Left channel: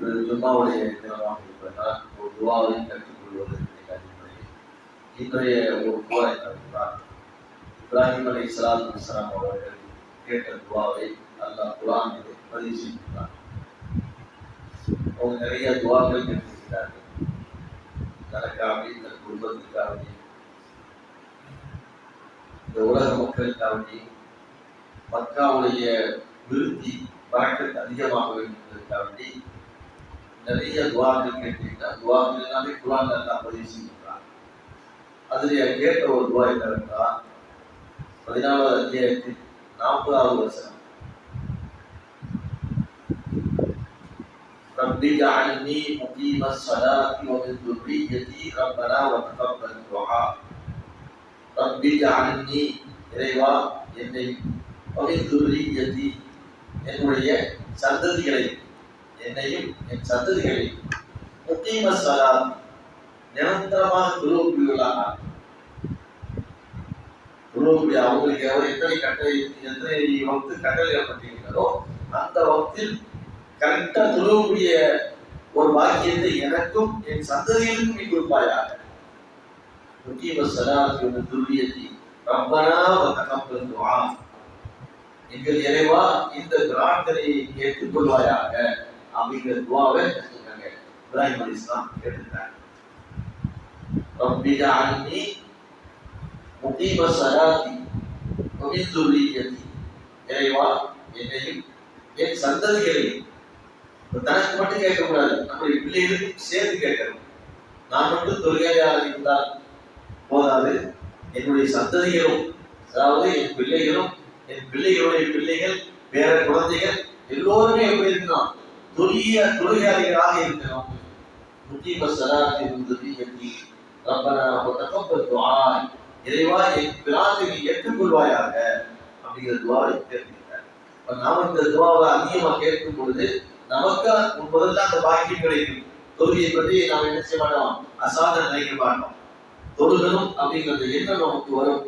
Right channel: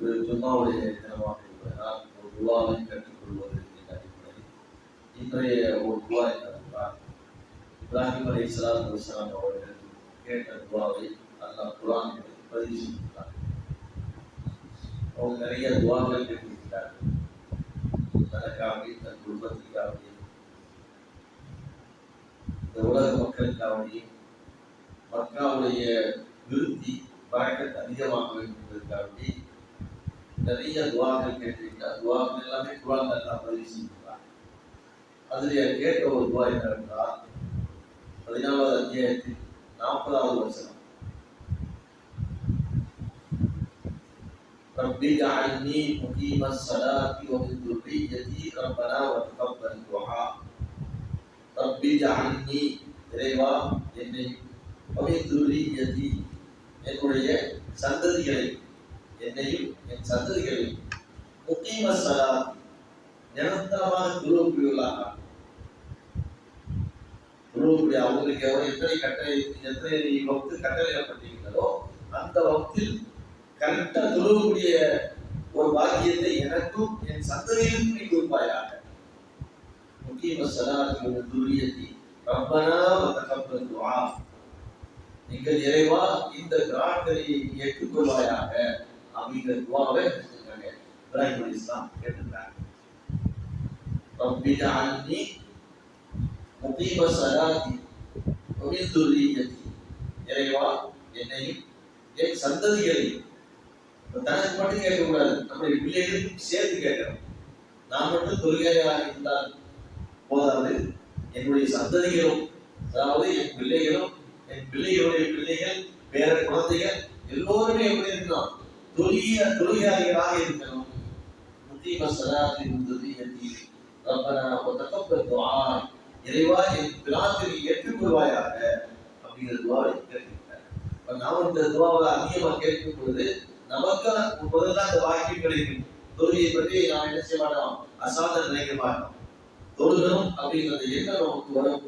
இன்று ஜும்மாவுடைய தினமாக இருப்பதால் ஒரு துவாவை கற்றுக்கொள்வது என்ற அடிப்படையில் இன்றைய ஒரு துவா என்னவென்றால் இப்ராஹிம் அலி சலாத் இஸ்லாம் அவர்கள் கேட்ட துவாவை அல்லாஹ் குரானிலே பதிவு செய்துள்ளார் அவங்க நிறைய துவாக்கள் கேட்டிருக்கிறார்கள் தனக்காக தன் குடும்பத்திற்காக இந்த உலக மக்களுக்காக மக்காவுடைய விருத்தி பழக்கத் அதிகமாக வேண்டும் என்பதற்காக நிறைய துவாக்கள் கேட்டிருக்கிறார் துவாக்கள் எல்லாமே குரான் எல்லாம் பதிவு செய்திருக்கிறார் அதில் கேட்ட ஒரு துவா என்னவென்றால் பதினாலாவது அத்தியாயத்தில் நாற்பதாவது வசனம் رب اجعلني مقيم الصلاة ومن ذريتي ربنا وتقبل دعاء رب اجعلني இறைவா என்னை ومن ذريتي என்னுடைய சந்ததிகளை என்னையும் என் சந்ததிகளையும் முக்கியம சலா நிரந்தரமாக துருவக்கூடியவர்களாக துருவக்கூடிய அவங்களுக்கு எவர் எத்தனை கட்டளை எத்தனை வகுத்து கட்டளை ஏற்பட்டிருக்கிறதோ அந்த வக்தில் கரெக்டா துருவக்கூடிய ஒரு பாக்கியத்தை எனக்கும் என் சந்ததிகளுக்கும் நீ கொடுப்பாயாக. முக்கியம சலாத்தி ஒரு ரப்பனா தகப்பல் துவா எங்கள் இறைவா இந்த பிரார்த்தனை ஏற்றுக்கொள்வாயாக. அப்படிங்கிற துவாவை செஞ்சுட்டாங்க இப்ராஹிம் அலி இஸ்லாம் கேட்டுட்டாங்க ரப்பிஜா அன்னி முகீப ஸலாத்தி கவிந்துரியதி இறைவா என்னையும் என் சந்ததிகளையும் இப்ப தனக்கு மட்டும் கேட்கக்கூடாது. நம்முடைய பிள்ளைகளுக்கும் சேர்த்து கேட்கணும். நான் மட்டும் தொழுகையாக இருந்தால் போதாது. என்னுடைய சந்ததிகளும் அதாவது என் பிள்ளைகளும் என் பிள்ளைகளுடைய பிள்ளைகள் வேற குழந்தைகள் எல்லோருமே எப்படி இருக்கணும்? தொழிய தொழிலாளிகளாக இருக்கணும். முக்கிய சலாத்தி இருந்தது எத்தி ரப்பனா தக்கப்பல் துஆ இறைவா என் பிரார்த்தனை ஏற்றுக்கொள்வாயாக அப்படிங்கிற துவாவை கேட்டுக்கிட்டார். இப்ப நாம் இந்த துவாவை அதிகமாக கேட்கும் பொழுது நமக்கு முதல்ல அந்த பாக்கியம் கிடைக்கும். தொழுகையை பற்றி நாம் என்ன செய்ய மாட்டோம்? அசாத நினைக்க மாட்டோம். தொழுகணும் அப்படிங்கிற எண்ணம் நமக்கு வரும்.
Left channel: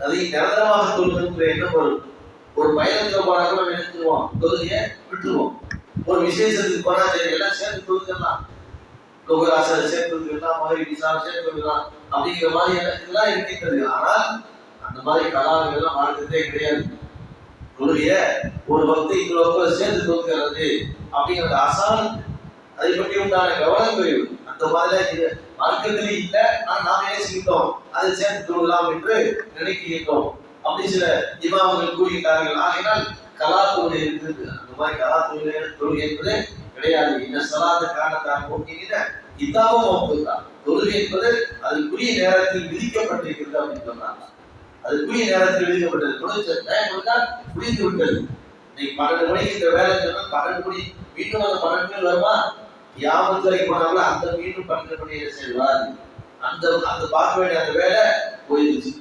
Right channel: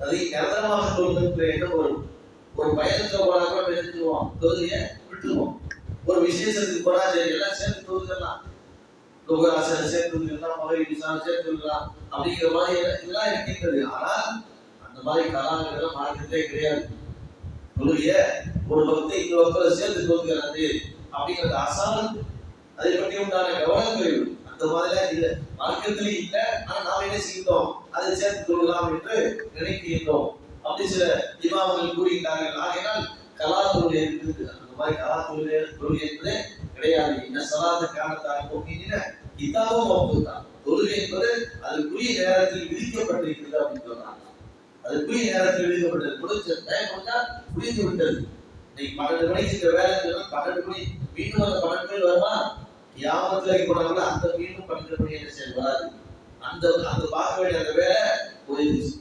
அதை நிரந்தரமாக தொழுகின்ற எண்ணம் வரும். ஒரு பயணத்துல போனா கூட நம்ம நினைச்சிருவோம் தொழுகைய விட்டுருவோம். ஒரு விசேஷத்துக்கு போனா சரி எல்லாம் சேர்ந்து தொழுகலாம். லோகராசரை சேர்த்து தொழுகலாம் மகரி விசாரம் சேர்த்து தொழுகலாம் அப்படிங்கிற மாதிரி எல்லாம் இருக்கின்றது. ஆனால் அந்த மாதிரி கலாங்கள் எல்லாம் மார்க்கத்தே கிடையாது. தொழுகைய ஒரு பக்தி இன்னொரு பக்தியோட சேர்ந்து தொழுகிறது அப்படிங்கிற அசால் அதை பற்றி உண்டான கவனம் குறைவு. அந்த மாதிரிலாம் இது மார்க்கத்திலே இல்லை. ஆனால் நாம் என்ன செய்கின்றோம்? அதை சேர்த்து தொழலாம் என்று நினைக்கின்றோம். அப்படி சில இமாம்கள் கூறுகின்றார்கள். ஆகையினால் கலா தொழுகை இருக்குது அந்த மாதிரி கலா தொழுகை தொழுகை என்பது கிடையாது. இந்த சலாத காரணத்தான் போக்கின இதாவும் ஒப்புதான் தொழுகை என்பது அதுக்குரிய நேரத்தில் விதிக்கப்பட்டிருக்கிறது அப்படின்னு சொன்னாங்க. அதுக்குரிய நேரத்தில் விதிக்கப்பட்டது. முடிச்ச டைம் வந்தா முடிந்து விட்டது. இன்னைக்கு பன்னெண்டு மணிக்கு இந்த வேலை சொன்னால் பன்னெண்டு மணி மீண்டும் அந்த பன்னெண்டு மணி வருமா? யாமத்து வரைக்கும் போனாங்களோ அந்த மீண்டும் பன்னெண்டு மணி என்ன செய்வார் அந்த அந்த பார்க்க வேண்டிய அந்த வேலை போயிடுச்சு.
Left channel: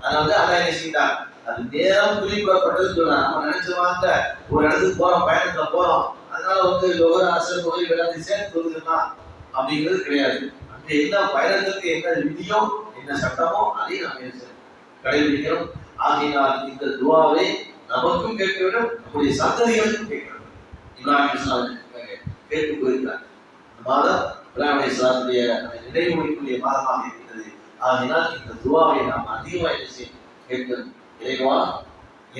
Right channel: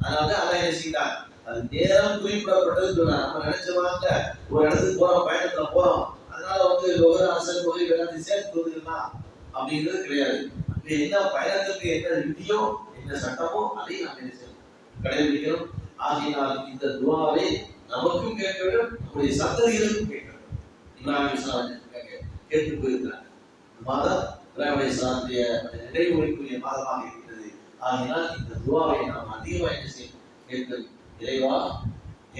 அதனால வந்து அண்ணா என்ன செய்யிட்டான் அது நேரம் குறிப்பிடப்பட்டதுன்னு சொன்னார் நம்ம நினைச்சவாங்க ஒரு இடத்துக்கு போறோம் பயணத்துல போறோம். அதனால வந்து ஒவ்வொரு ஆசிரியர் தொகை எல்லாத்தையும் சேர்த்து வந்துருக்கலாம் அப்படிங்கிறது கிடையாது. அப்படி என்ன பயணத்துக்கு என்ன விதியோ என்ன சட்டமோ அதையும் நம்ம கடைபிடிக்கிறோம் ஆகையினால் இந்த துவாவை நமக்கும் கேட்க வேண்டும் நம்முடைய சந்ததிகளுக்கும் கேட்க வேண்டும். இப்ராஹிம் இஸ்லாம் கேட்டு போயிருக்கிறார் இந்த மாதம் இப்ராஹிம் இஸ்லாத்துடைய நினைவுக்குரிய மாதமாக இருக்கிறது ஆகினால் இந்த துவாவை நாம் அதிகமாக என்ன செய்யும் கேட்கணும். இறைவா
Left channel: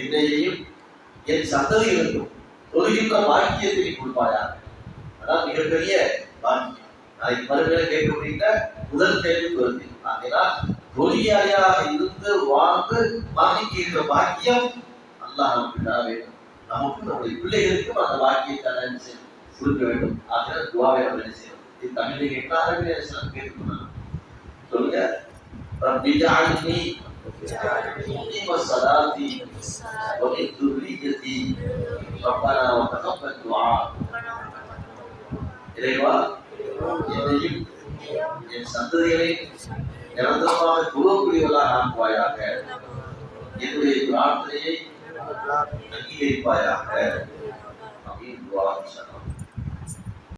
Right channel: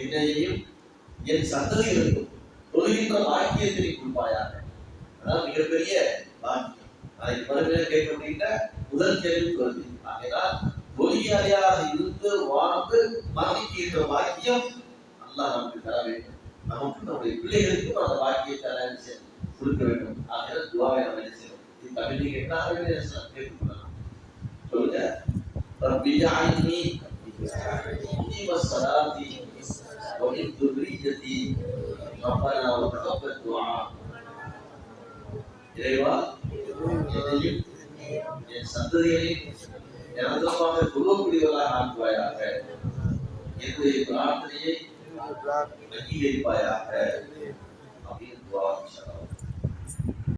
என்னையையும் என் சந்ததிகளுக்கும் தொழுகின்ற பாக்கியத்தை கொடுப்பாயாக. அதான் மிகப்பெரிய பாக்கியம். நாளைக்கு மறுமையில கேட்கப்படுகின்ற முதல் கேள்வி வருது ஆகையினால் தொழிலாளியாக இருந்து வாழ்ந்து மரணிக்கின்ற பாக்கியம் அல்லாஹ் நமக்கு தர வேண்டும். நமக்கு நம்முடைய பிள்ளைகளுக்கும் அந்த பாக்கியத்தை என்ன செய்யணும் கொடுக்க வேண்டும். ஆகினால் துவாவை நம்ம என்ன செய்யணும்? இது தமிழ்ல கேட்கலாம் அரபில என்ன சொல்லுங்க. ரப்பி ஜஅல்னி مقيم الصلاة ومن ذريتي ربنا وتقبل دعاء இறைவா என்னையும் என் சந்ததிகளை நிரந்தரமாக குழுக்கூடியவர்களாக ஆக்குவாயாக என்னுடைய பிரார்த்தனையை அங்கீகரிப்பாயாக அப்படின்னு துவா இன்ஷா அல்லாஹ்.